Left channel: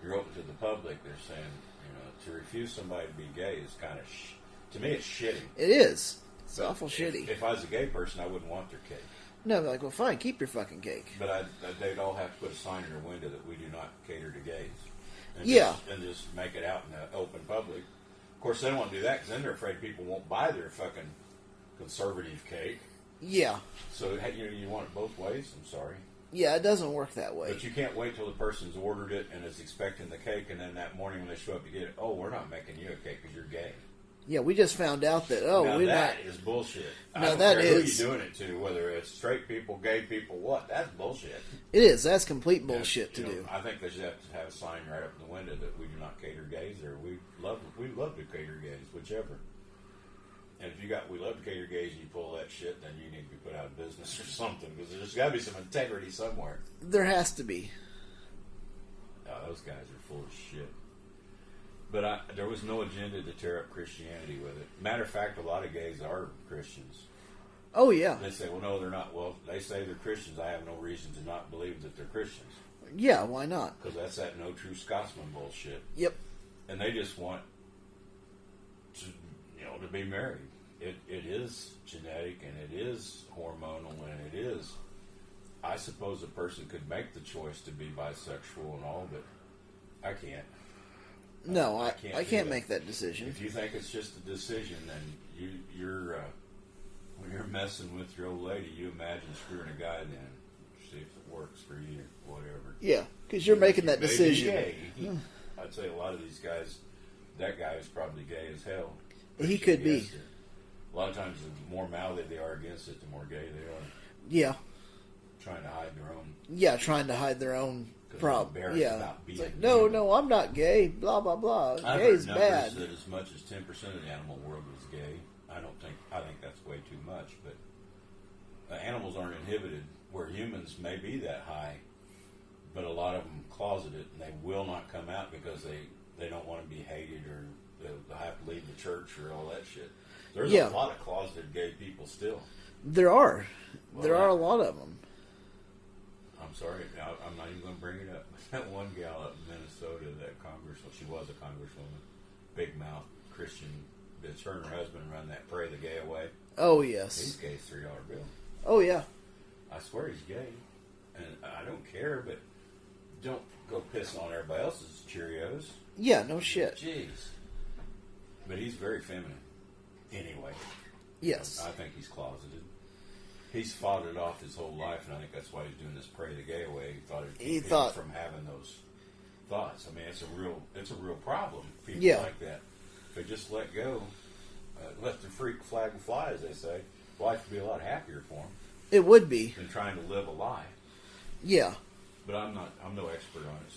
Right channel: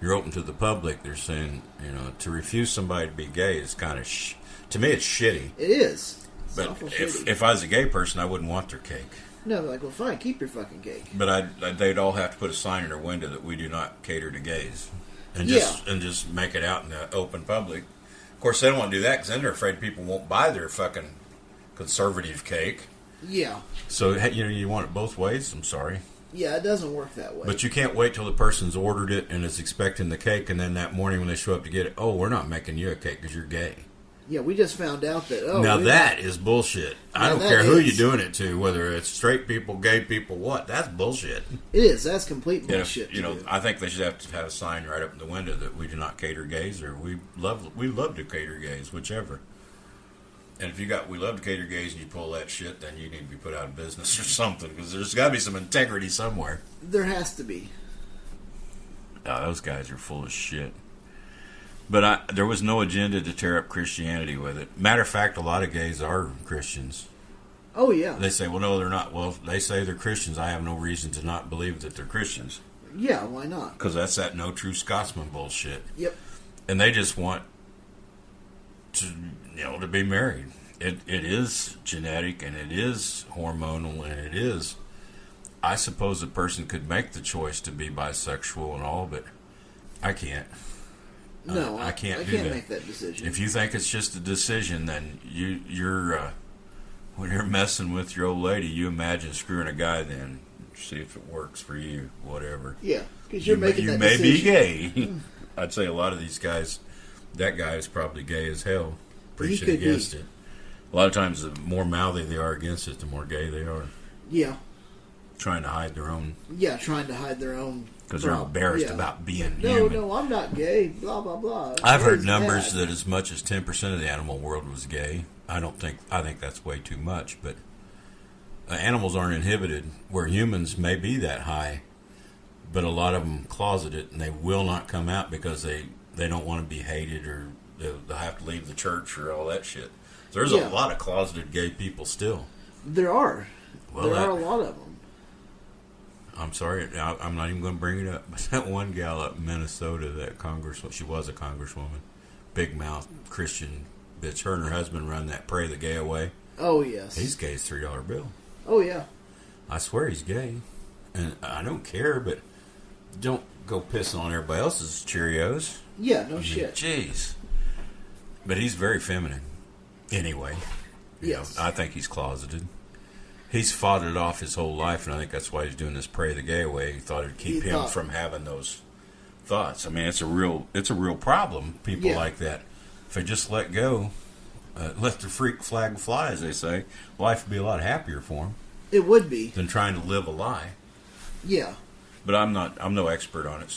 you're open to the public. They're saying, to refuse somebody to be gay is kind of, to me, it's shitty. It is. It's but awful shitty. If I was a gay person, I wouldn't want their cake. No, like, well, fine, keep your fucking cake. But they'd all have to put a sign in their window that we do not cater to gays. And just make it out in the open public. Of course, they don't want to do that because then they're afraid people won't buy their fucking conservative cake. Yeah. So, you want it both ways? I'm sorry. Yeah, it doesn't work that way. But you can't wait till the person's ordered it and is expecting the cake, and then that morning when they show up to get it, oh, we're not making you a cake because you're gay. Yeah, we just found out that, now that is bullshit. I don't care who you're doing it to, whether it's straight people, gay people, what. That's bullshit. It is. That's complete bullshit. I think they should have to have a sign right up in the window that we do not cater gays, or we love to cater gays, whichever. And if we love to cater gays, and you pull that shit, then you need to be put out of business or something, because there's got to be some integrity somewhere. There has to be. Oh, those guys are full of shit. But there was no agenda to tear up Christianity with it. Matter of fact, a lot of gays are Christians. Oh, yeah. They say, well, no, they're not. Well, they say they're Christians. I have no reason to not believe that they're Christians. Yeah, why not? Because that's that no true Scotsman bullshit. Yep. And they just want to be married. It is genetic, and it is hormonal, and it is. I suppose a person could make the choice to be bisexual and all, but I can't. No, I can't. I can't make that decision. If you think it's just a decision, then you're when you're messing with your old lady, you imagine screwing a guy. Then see if it works for you, whatever. Yeah, because you're making that decision. You may be gay. Mm. I'd say a lot of these guys. That guy is probably gay as hell. Preaching against it. A lot of times, the more mouthy they are against it, the more gay they are. Yeah. Trying to hide their own. Yeah, trying to hide their own. Because they're embarrassed about being human. No, I'm not gay. Blah blah blah. I've heard numbers that as much as 10% of the animal world was gay. I think that's way too much. But animals aren't inhibited, where humans may be that high. But a lot of them closet it, and they will not come out because they don't want to be hated, or they'll have to leave the church or all that shit. So there's a lot of closeted gay people still. There are. Well, there are a lot of them. I'm sorry, I'm not even going to bring it up. But that one gal up in Minnesota, she was a congresswoman, big mouth Christian bitch. Her and her husband run that Pray the Gay Away. Oh, yes. He's gay as $3 bill. Oh, yeah. I swear he's gay. And I don't care, but don't go pissing on everybody else's Cheerios. Yeah, no shit. Jeez. But he's very feminine. Anyway. Yes. I think he's closeted. He's fought it off his whole life, and I think that's why he's doing this Pray the Gay Away. He thought it'd keep him from having those thoughts. I mean, it's a real problem, people like that. If they just let go, let the freak flag fly, as they say, life would be a lot happier for them. It would be. Than trying to live a lie. Yeah. But I'm no expert on it,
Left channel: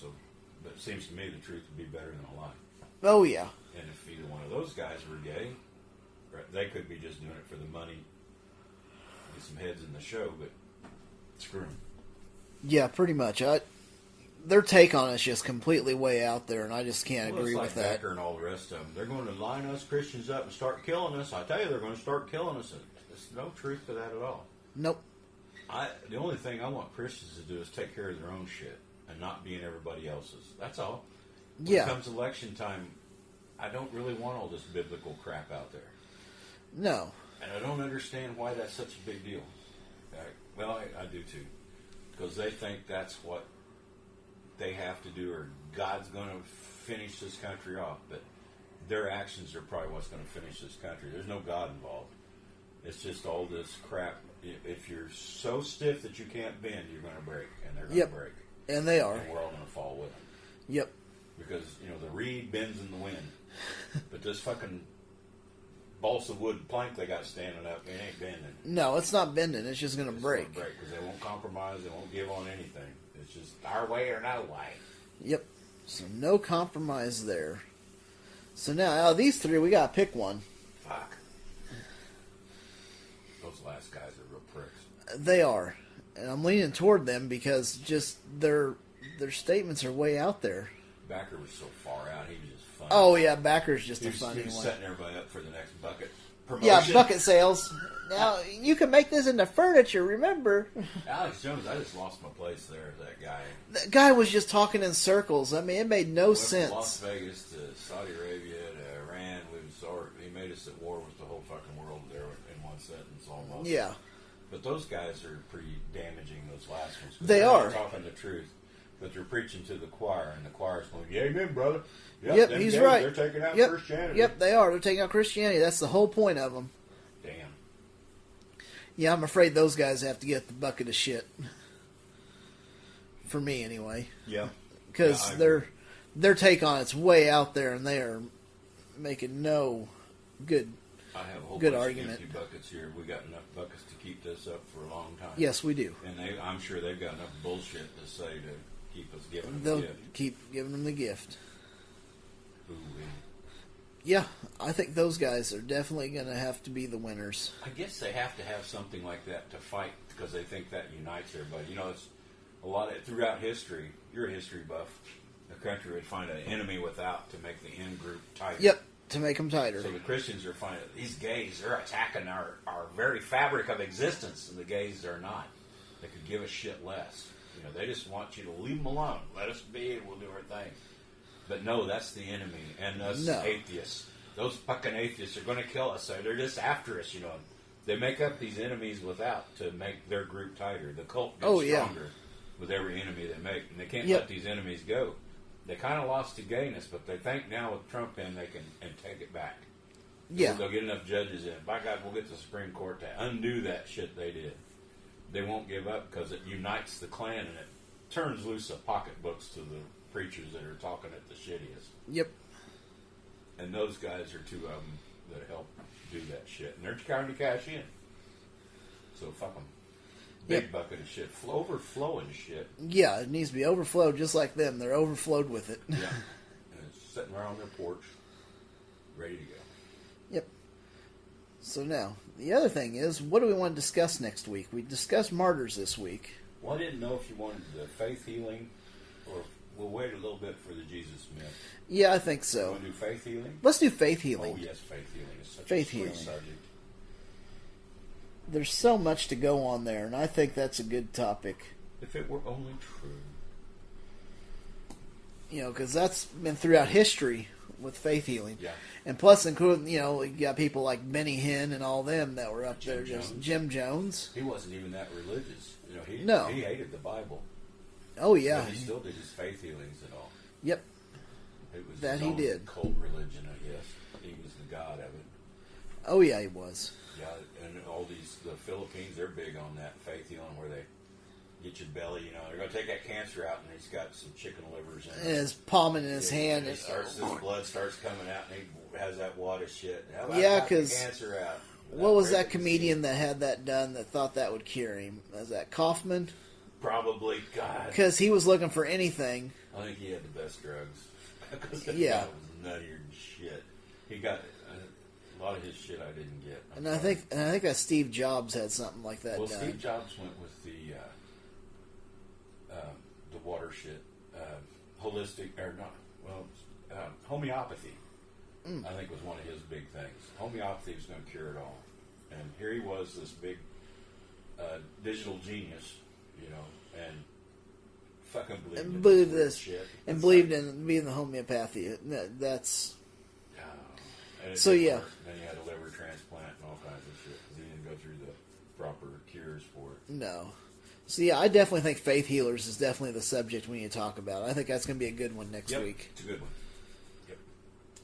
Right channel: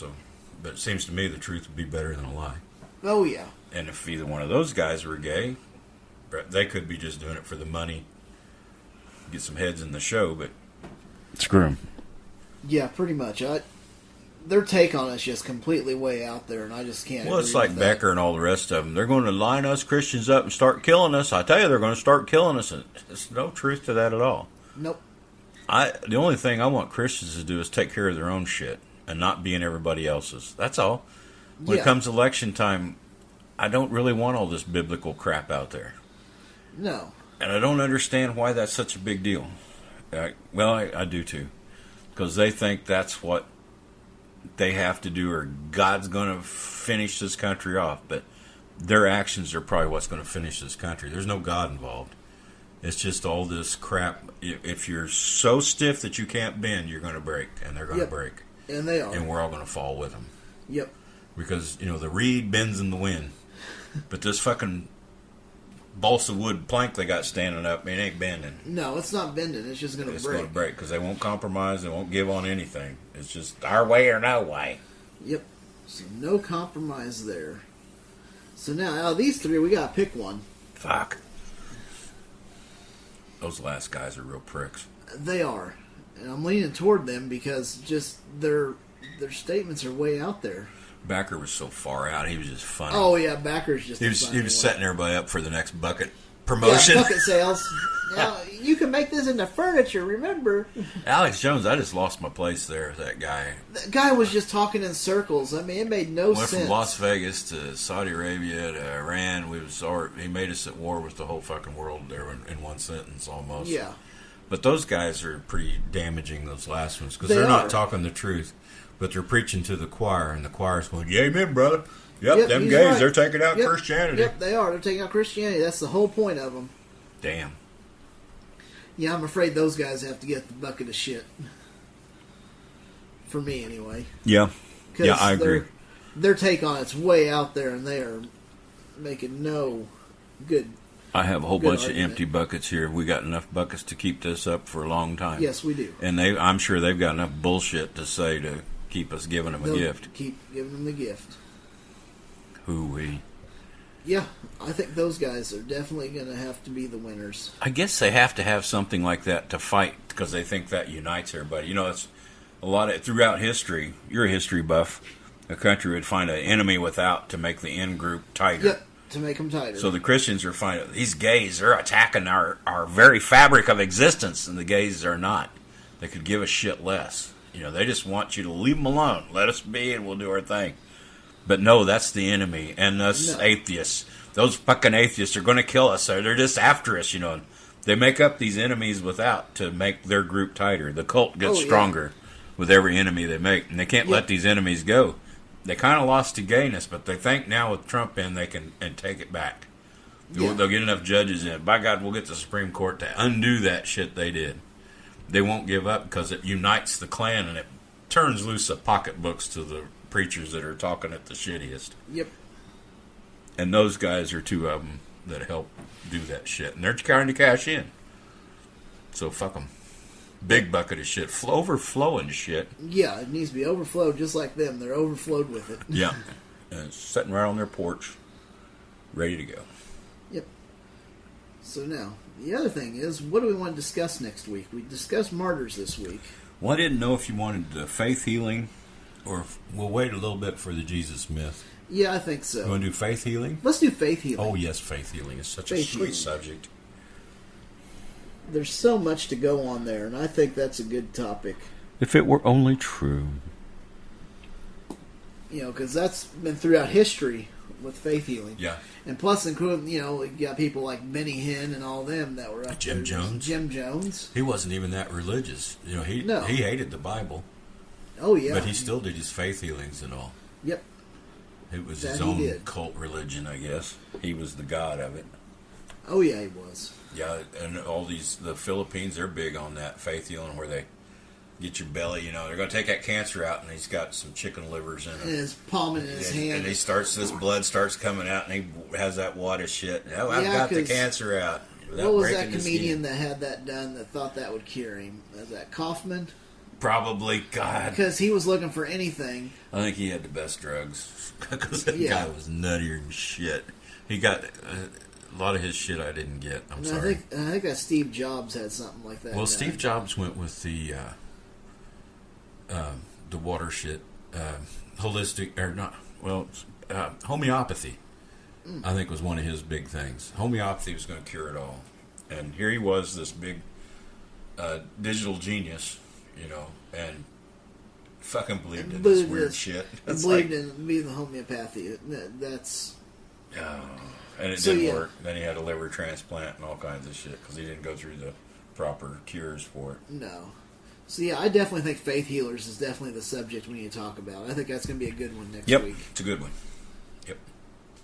but it seems to me the truth would be better than a lie. Oh, yeah. And if either one of those guys were gay, they could be just doing it for the money, get some heads in the show, but screw them. Yeah, pretty much. Their take on it's just completely way out there, and I just can't. Well, it's like Becker and all the rest of them. They're going to line us Christians up and start killing us. I tell you, they're going to start killing us. And there's no truth to that at all. Nope. The only thing I want Christians to do is take care of their own shit and not be in everybody else's. That's all. When it comes election time, I don't really want all this biblical crap out there. No. And I don't understand why that's such a big deal. I do too. Because they think that's what they have to do, or God's going to finish this country off. But their actions are probably what's going to finish this country. There's no God involved. It's just all this crap. If you're so stiff that you can't bend, you're going to break. And they're going to break. And they are. And we're all going to fall with them. Yep. Because, the reed bends in the wind. But this fucking balsa wood plank they got standing up, it ain't bending. No, it's not bending. It's just going to break. It's going to break because they won't compromise. They won't give on anything. It's just our way or no way. Yep. So no compromise there. So now, out of these three, we got to pick one. Fuck. Those last guys are real pricks. They are. And I'm leaning toward them because just their statements are way out there. Backer was so far out. He was just funny. Oh, yeah. Backer's just He was setting everybody up for the next bucket promotion. Yeah, bucket sales. Now, you can make this into furniture, remember? Alex Jones, I just lost my place there. That guy The guy was just talking in circles. I mean, it made no went sense. from Las Vegas to Saudi Arabia to Iran. He made us at war with the whole fucking world there in one sentence almost. Yeah. But those guys are pretty damaging, those last ones, because They they're are. not talking the truth, but they're preaching to the choir, and the choir's going, "Yeah, amen, brother. Yep, Yep, them he's gays, right. they're taking out Yep, Christianity." Yep, they are. They're taking out Christianity. That's the whole point of them. Damn. Yeah, I'm afraid those guys have to get the bucket of shit. For me, anyway. Yeah. 'Cause Yeah, I agree. Their take on it's way out there, and they are making no good. I have a whole Good bunch argument. of empty buckets here. We got enough buckets to keep this up for a long time. Yes, we do. And I'm sure they've got enough bullshit to say to keep us giving them a They'll gift. keep giving them the gift. Hoo-wee. Yeah, I think those guys are definitely going to have to be the winners. I guess they have to have something like that to fight because they think that unites everybody. You know, it's a lot of throughout history. You're a history buff. A country would find an enemy without to make the in group tighter. Yep, to make them tighter. So the Christians are finding these gays. They're attacking our very fabric of existence, and the gays are not. They could give a shit less. You know, they just want you to leave them alone. Let us be, and we'll do our thing. But no, that's the enemy, and us atheists. Those fucking atheists are going to kill us. They're just after us, you know. They make up these enemies without to make their group tighter. The cult gets stronger with every enemy they make, and they can't let these enemies go. They kind of lost to gayness, but they think now with Trump in, they can take it back. They'll get enough judges in. By God, we'll get the Supreme Court to undo that shit they did. They won't give up because it unites the clan, and it turns loose the pocketbooks to the preachers that are talking at the shittiest. Yep. And those guys are two of them that help do that shit. And they're trying to cash in. So fuck them. Big bucket of shit. Overflowing shit. Yeah, it needs to be overflowed just like them. They're overflowed with it. Yeah. And it's sitting right on their porch, ready to go. Yep. So now, the other thing is, what do we want to discuss next week? We discussed Martyrs this week. Well, I didn't know if you wanted the faith healing or if we'll wait a little bit for the Jesus myth. Yeah, I think so. You want to do faith healing? Let's do faith healing. Oh, yes, faith healing is such a Faith sweet healing. subject. There's so much to go on there, and I think that's a good topic. If it were only true. You know, because that's been throughout history with faith healing. Yeah. And plus, including, you know, you got people like Benny Hinn and all them that were up Jim there. Jones. Jim Jones. He wasn't even that religious. You know, he hated the Bible. Oh, yeah. But he still did his faith healings and all. Yep. It was That his he own did. cult religion, I guess. He was the god of it. Oh, yeah, he was. Yeah, and the Philippines, they're big on that faith healing where they get your belly, you know, they're going to take that cancer out, and he's got some chicken livers in And it. his palm in his hand. And this blood starts coming out, and he has that wad of shit. Oh, I've Yeah, got the 'cause cancer out. What was that breaking his comedian skin. that had that done that thought that would cure him? Was that Kaufman? Probably, God. Because he was looking for anything. I think he had the best drugs. Because that Yeah. guy was nuttier than shit. He got a lot of his shit I didn't get. I'm And sorry. I think that Steve Jobs had something like that. Well, done. Steve Jobs went with the water shit, holistic or not? Well, homeopathy. I think was one of his big things. Homeopathy was going to cure it all, and here he was, this big digital genius, you know, and fucking believed in this weird shit. And It's believed like, in being the homeopathy. That's and it So, didn't yeah. work. Then he had a liver transplant and all kinds of shit because he didn't go through the proper cures for it. no. So yeah, I definitely think faith healers is definitely the subject we need to talk about. I think that's going to be a good one next week. It's a good one. Yep.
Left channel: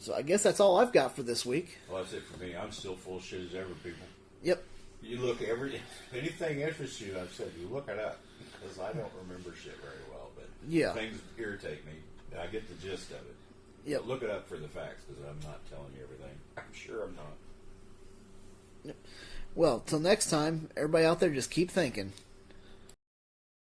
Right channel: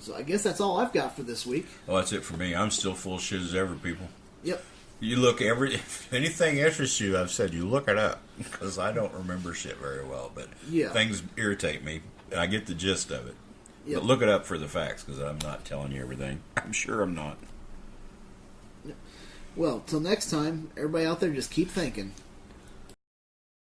So I guess that's all I've got for this week. Well, that's it for me. I'm still full of shit as ever, people. Yep. You look if anything interests you, I've said you look it up because I don't remember shit very well. But Yeah. things irritate me, and I get the gist of it. Yep. But look it up for the facts because I'm not telling you everything. I'm sure I'm not. Well, till next time, everybody out there, just keep thinking.